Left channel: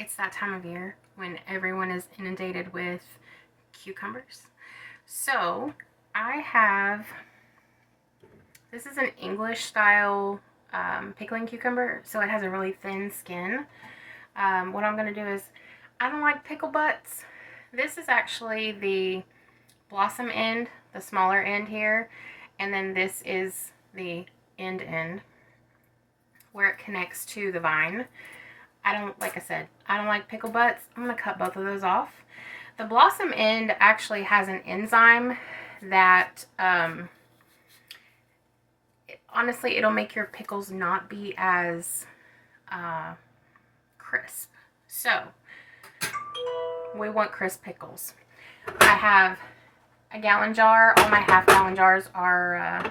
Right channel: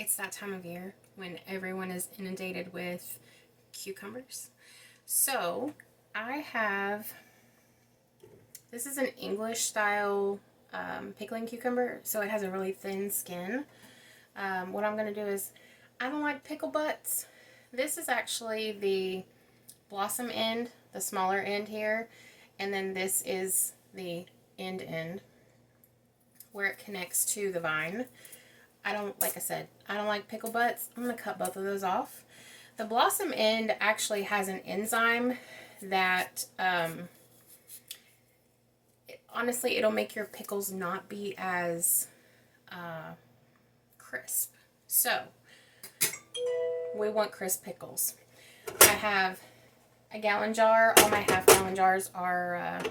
It's that time of year when everyone is inundated with cucumbers. So I have, this is an English style pickling cucumber, so it has a really thin skin. What I'm going to do is, I don't like pickle butts. This is actually the blossom end, the smaller end here, and then this is the end where it connects to the vine. Like I said, I don't like pickle butts. I'm going to cut both of those off. The blossom end actually has an enzyme that, honestly, it'll make your pickles not be as crisp. So, we want crisp pickles. I have a gallon jar. All my half-gallon jars are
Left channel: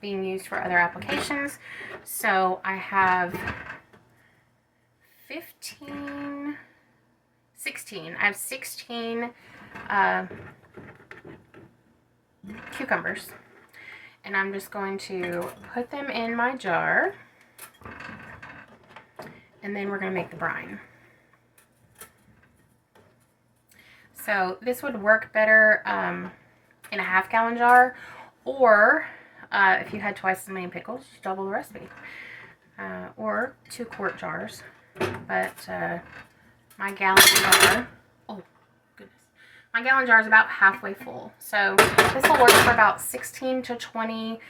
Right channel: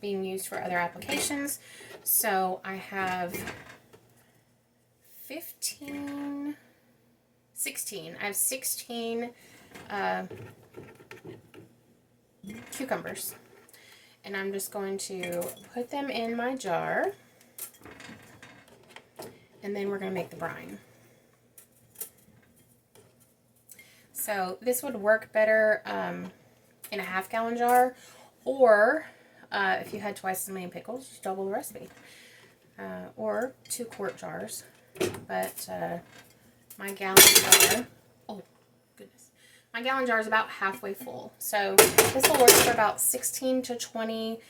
being used for other applications. So, I have 16. I have 16 cucumbers. And I'm just going to put them in my jar. And then we're going to make the brine. So this would work better in a half-gallon jar. Or if you had twice as many pickles, just double the recipe. Or 2-quart jars. But my gallon jar, oh goodness, my gallon jar is about halfway full. So this will work for about 16 to 20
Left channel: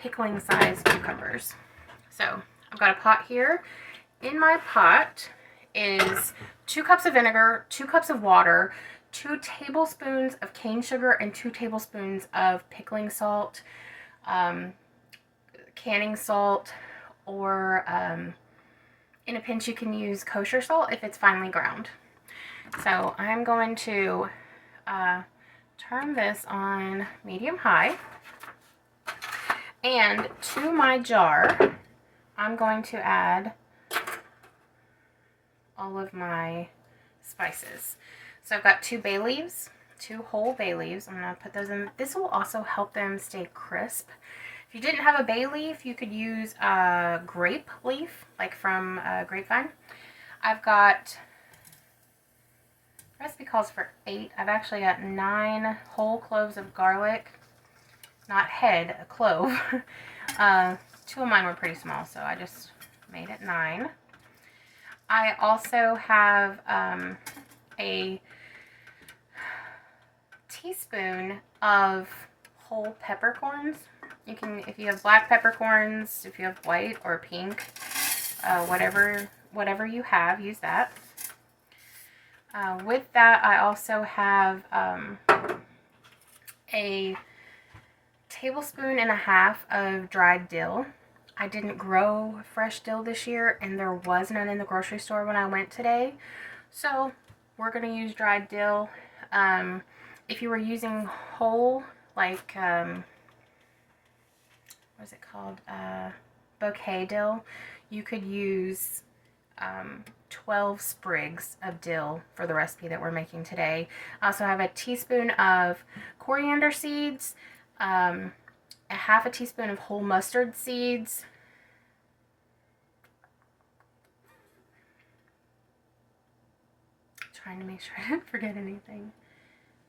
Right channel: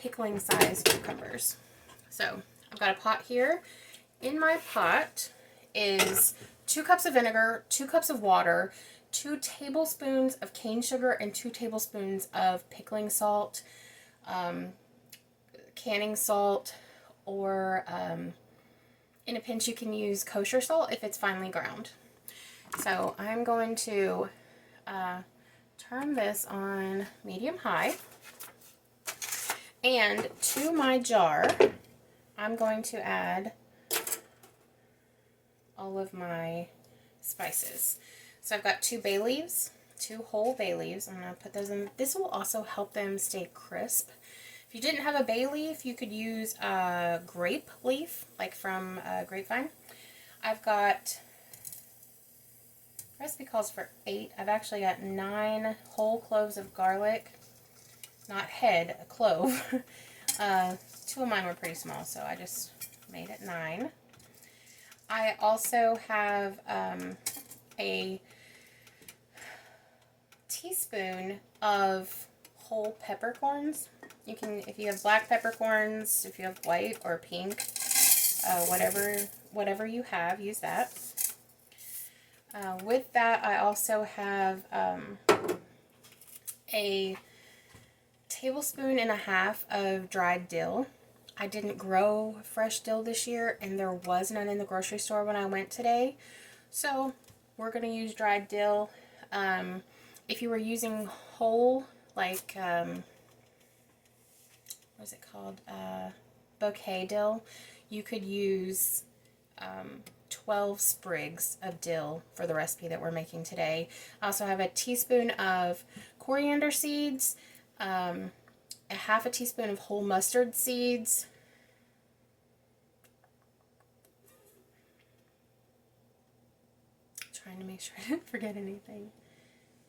pickling size cucumbers. So I've got a pot here. In my pot is 2 cups of vinegar, 2 cups of water, 2 tablespoons of cane sugar, and 2 tablespoons of pickling salt, canning salt, or in a pinch you can use kosher salt if it's finely ground. So I'm going to turn this on medium-high, and to my jar I'm going to add all of my spices. So I've got 2 bay leaves, 2 whole bay leaves. I'm going to put those in. This will also help them stay crisp. If you didn't have a bay leaf, you could use a grape leaf, like from Grapevine. I've got, the recipe calls for 8. I've actually got 9 whole cloves of garlic. Not head, a clove. 2 of mine were pretty small, so I just made it 9. I also have a teaspoon of whole peppercorns. You can, if you have black peppercorns, if you have white or pink, whatever you have, use that. With that, I also have a tablespoon and a half of dried dill. I didn't grow fresh dill this year, and there was none in the grocery store when I went today. So we're going to use dried dill. If you were using whole, like, what is it called? Bouquet dill, you could use 12 sprigs of dill for the recipe that we're making today. I also have a teaspoon of coriander seeds, a half a teaspoon of whole mustard seeds, trying to make sure I didn't forget anything.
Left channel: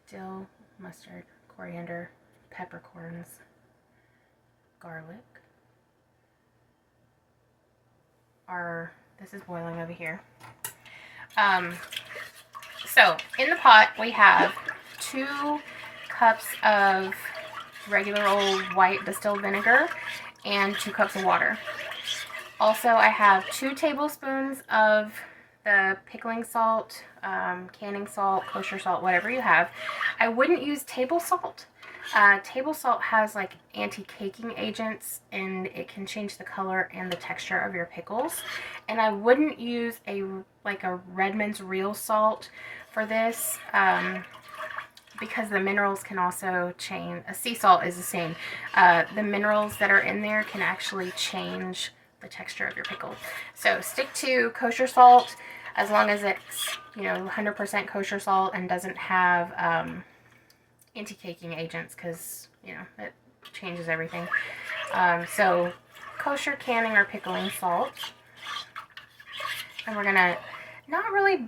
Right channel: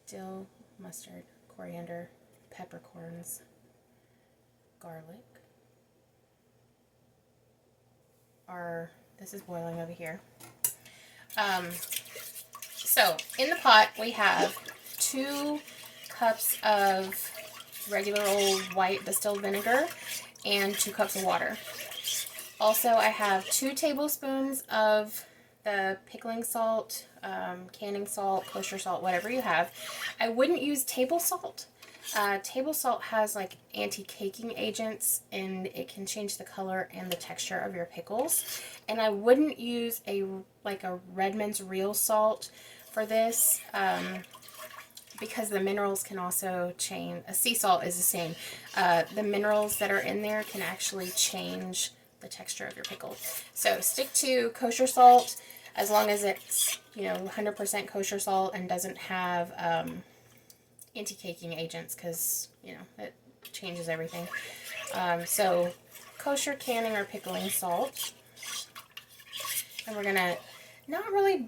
Dill, mustard, coriander, peppercorns, garlic. This is boiling over here. So in the pot we have 2 cups of regular old white distilled vinegar and 2 cups of water. Also, I have 2 tablespoons of the pickling salt, canning salt, kosher salt, whatever you have. I wouldn't use table salt. Table salt has like anti-caking agents, and it can change the color and the texture of your pickles. And I wouldn't use a Redmond's real salt for this, because the minerals can also change. A sea salt is the same. The minerals that are in there can actually change the texture of your pickle. So stick to kosher salt as long as it's 100% kosher salt and doesn't have anti-caking agents, because it changes everything. So kosher canning or pickling salt, and we're gonna not really,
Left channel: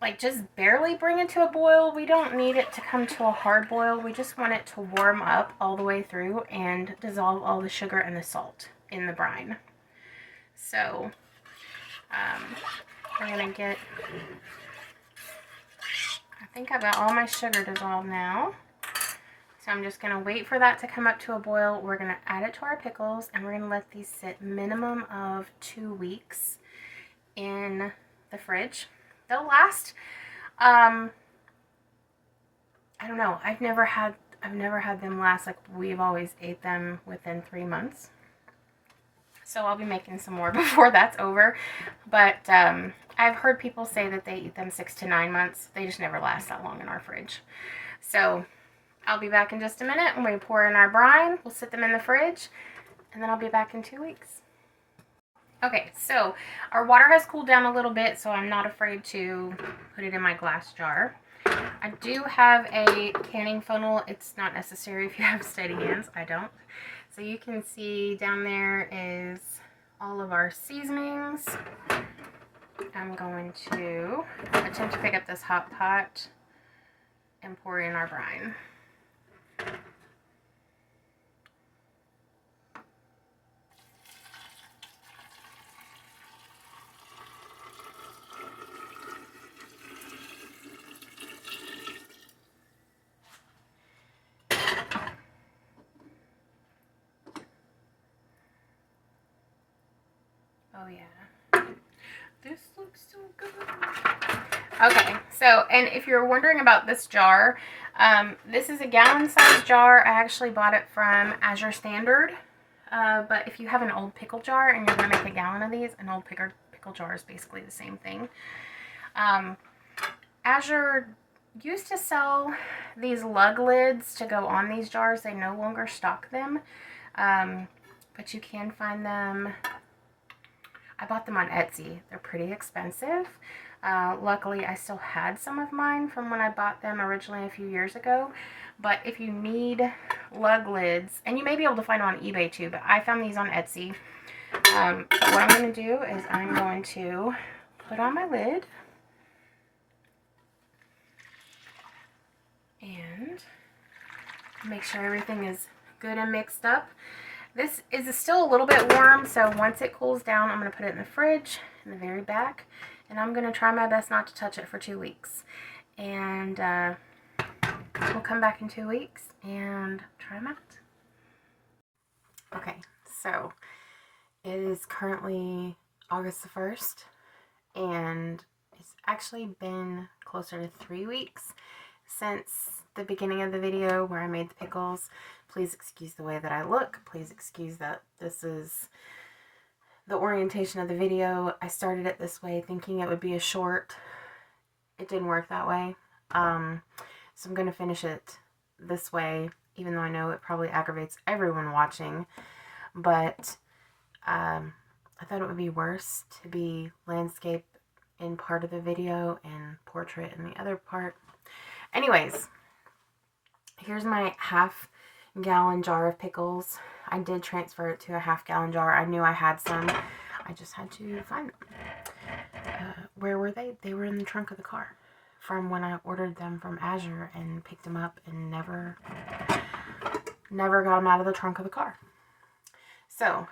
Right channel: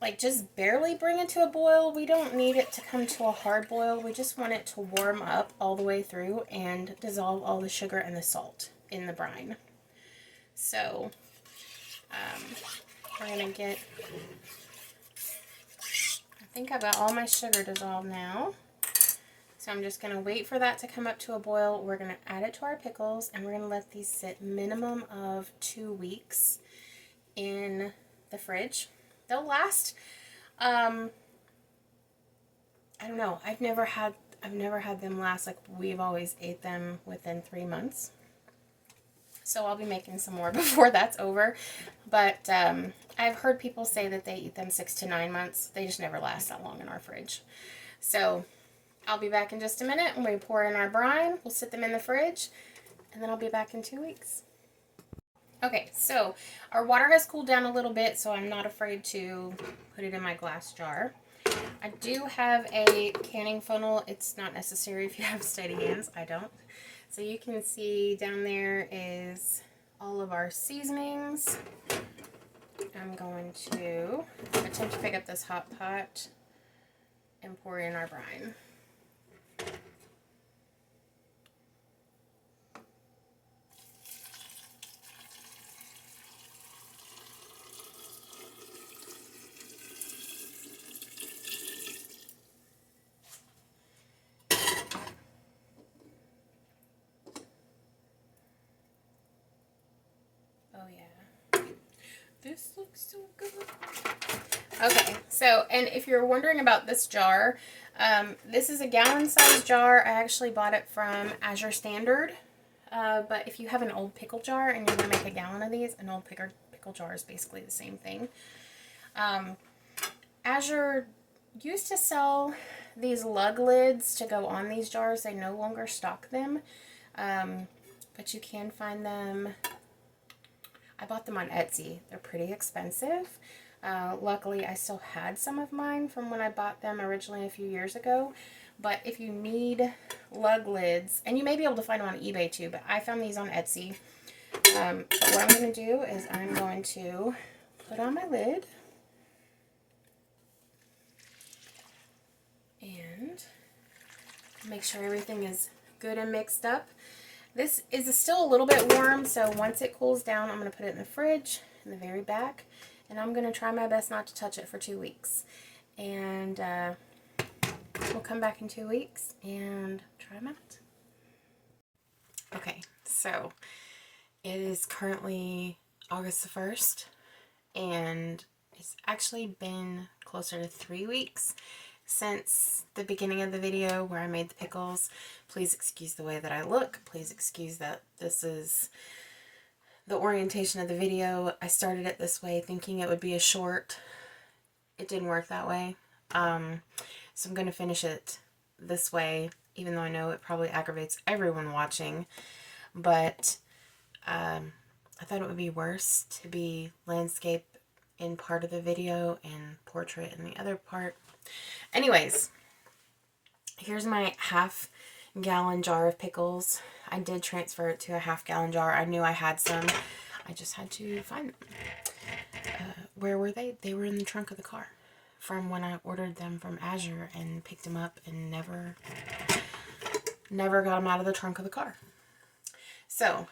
like just barely bring it to a boil. We don't need it to come to a hard boil. We just want it to warm up all the way through and dissolve all the sugar and the salt in the brine. So we're gonna get, I think I've got all my sugar dissolved now. So I'm just gonna wait for that to come up to a boil. We're gonna add it to our pickles and we're gonna let these sit minimum of 2 weeks in the fridge. They'll last, I don't know. I've never had them last, like we've always ate them within 3 months. So I'll be making some more before that's over. But I've heard people say that they eat them 6 to 9 months. They just never last that long in our fridge. So I'll be back in just a minute when we pour in our brine. We'll sit them in the fridge and then I'll be back in 2 weeks. Okay, so our water has cooled down a little bit, so I'm not afraid to put it in my glass jar. I do have a canning funnel. It's not necessary if you have steady hands. I don't. So you can see down there is all of our seasonings. I'm going to attempt to pick up this hot pot and pour in our brine. Oh yeah, this looks so good. Okay, so, and if you're wondering about this jar, this is a gallon size jar. I actually bought it from Azure Standard, but if you have an old pickle jar and you're going to make a gallon of these, an old pickle jar is basically the same thing. Azure used to sell these lug lids to go on these jars. They no longer stock them, but you can find them. I bought them on Etsy. They're pretty expensive. Luckily, I still had some of mine from when I bought them originally a few years ago. But if you need lug lids, and you may be able to find them on eBay too, but I found these on Etsy. But what I'm going to do is I'm going to put on my lid. And make sure everything is good and mixed up. This is still a little bit warm, so once it cools down, I'm going to put it in the fridge in the very back. And I'm going to try my best not to touch it for 2 weeks. And we'll come back in 2 weeks and try them out. Okay, so it is currently August the 1st. And it's actually been closer to 3 weeks since the beginning of the video where I made the pickles. Please excuse the way that I look. Please excuse that this is the orientation of the video. I started it this way thinking it would be a short. It didn't work that way. So I'm going to finish it this way, even though I know it probably aggravates everyone watching. But I thought it would be worse to be landscape in part of the video and portrait in the other part. Anyways, here's my half-gallon jar of pickles. I did transfer it to a half-gallon jar. I knew I had some. I just had to find them. Where were they? They were in the trunk of the car from when I ordered them from Azure and picked them up and never got them out of the trunk of the car. So,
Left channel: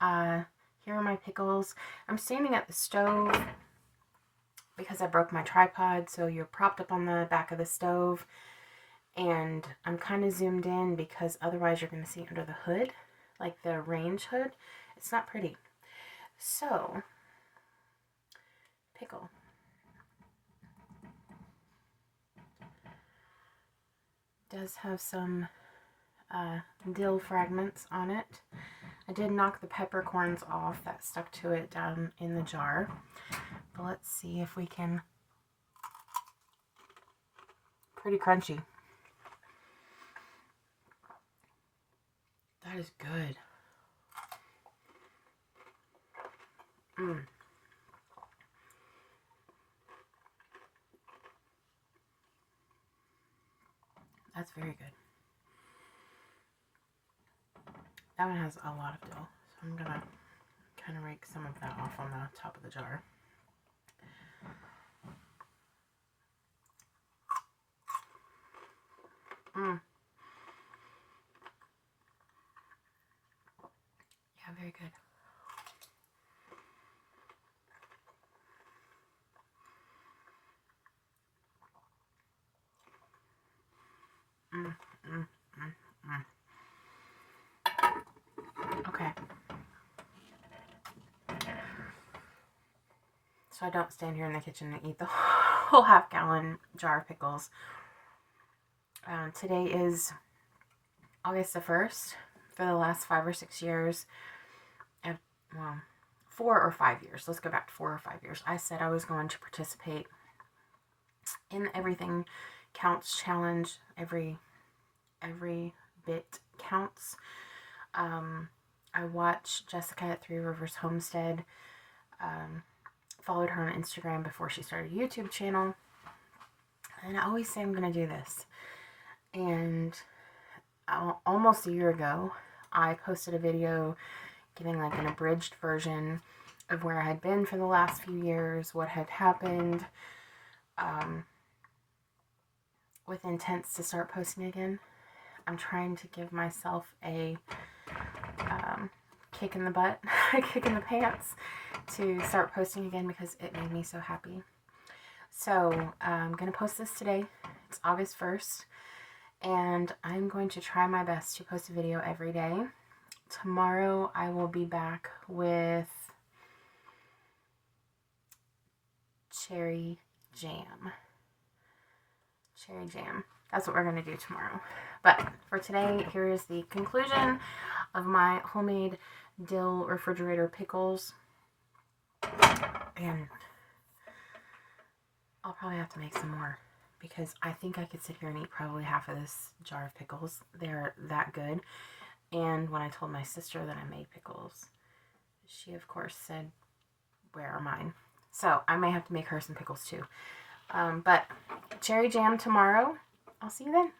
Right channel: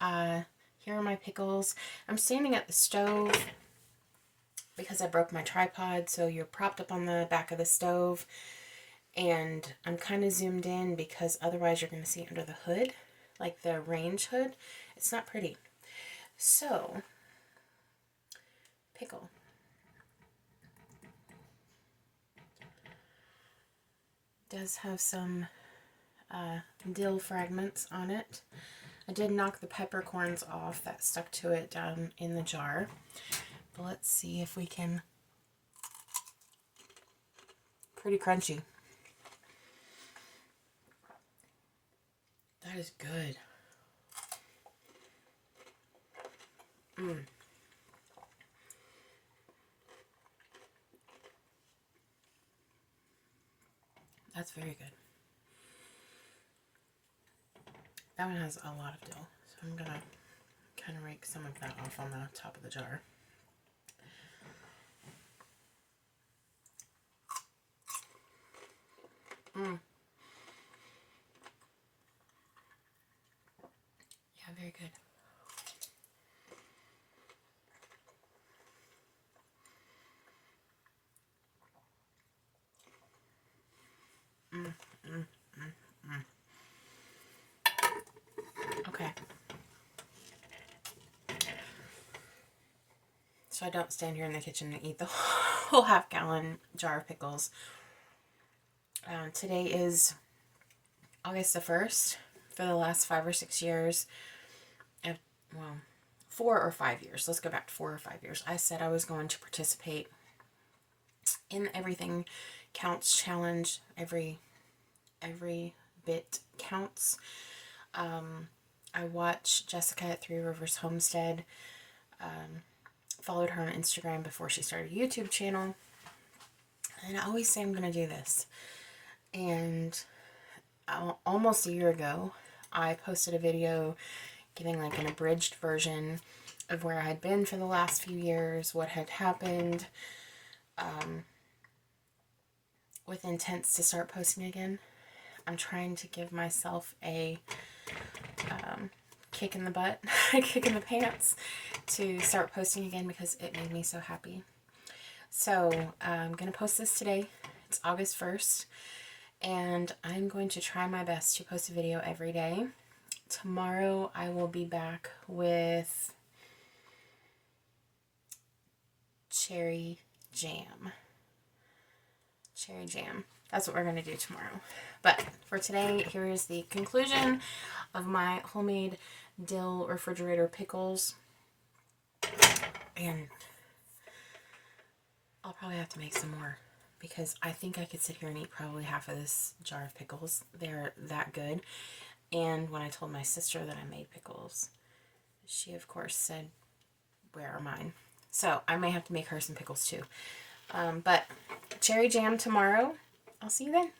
here are my pickles. I'm standing at the stove because I broke my tripod, so you're propped up on the back of the stove. And I'm kind of zoomed in because otherwise you're going to see under the hood, like the range hood. It's not pretty. So, pickle. Does have some dill fragments on it. I did knock the peppercorns off that stuck to it down in the jar. But let's see if we can. Pretty crunchy. That is good. That's very good. That one has a lot of dill, so I'm gonna kind of rake some of that off on the top of the jar. so I don't stand here in the kitchen and eat the whole half-gallon jar of pickles. Today is August the 1st. For the last 5 or 6 years, well, 4 or 5 years. Let's go back to 4 or 5 years. I said I was going to participate in the Everything Counts challenge. Every bit counts. I watched Jessica at Three Rivers Homestead. Followed her on Instagram before she started a YouTube channel. And I always say I'm going to do this. And almost a year ago, I posted a video giving like an abridged version of where I had been for the last few years, what had happened, with intents to start posting again. I'm trying to give myself a kick in the butt, a kick in the pants to start posting again because it made me so happy. So I'm going to post this today. It's August 1st. And I'm going to try my best to post a video every day. Tomorrow I will be back with cherry jam. Cherry jam. That's what we're going to do tomorrow. But for today, here is the conclusion of my homemade dill refrigerator pickles. And I'll probably have to make some more, because I think I could sit here and eat probably half of this jar of pickles. They're that good. And when I told my sister that I made pickles, she of course said, where are mine? So I may have to make her some pickles too. But cherry jam tomorrow. I'll see you then.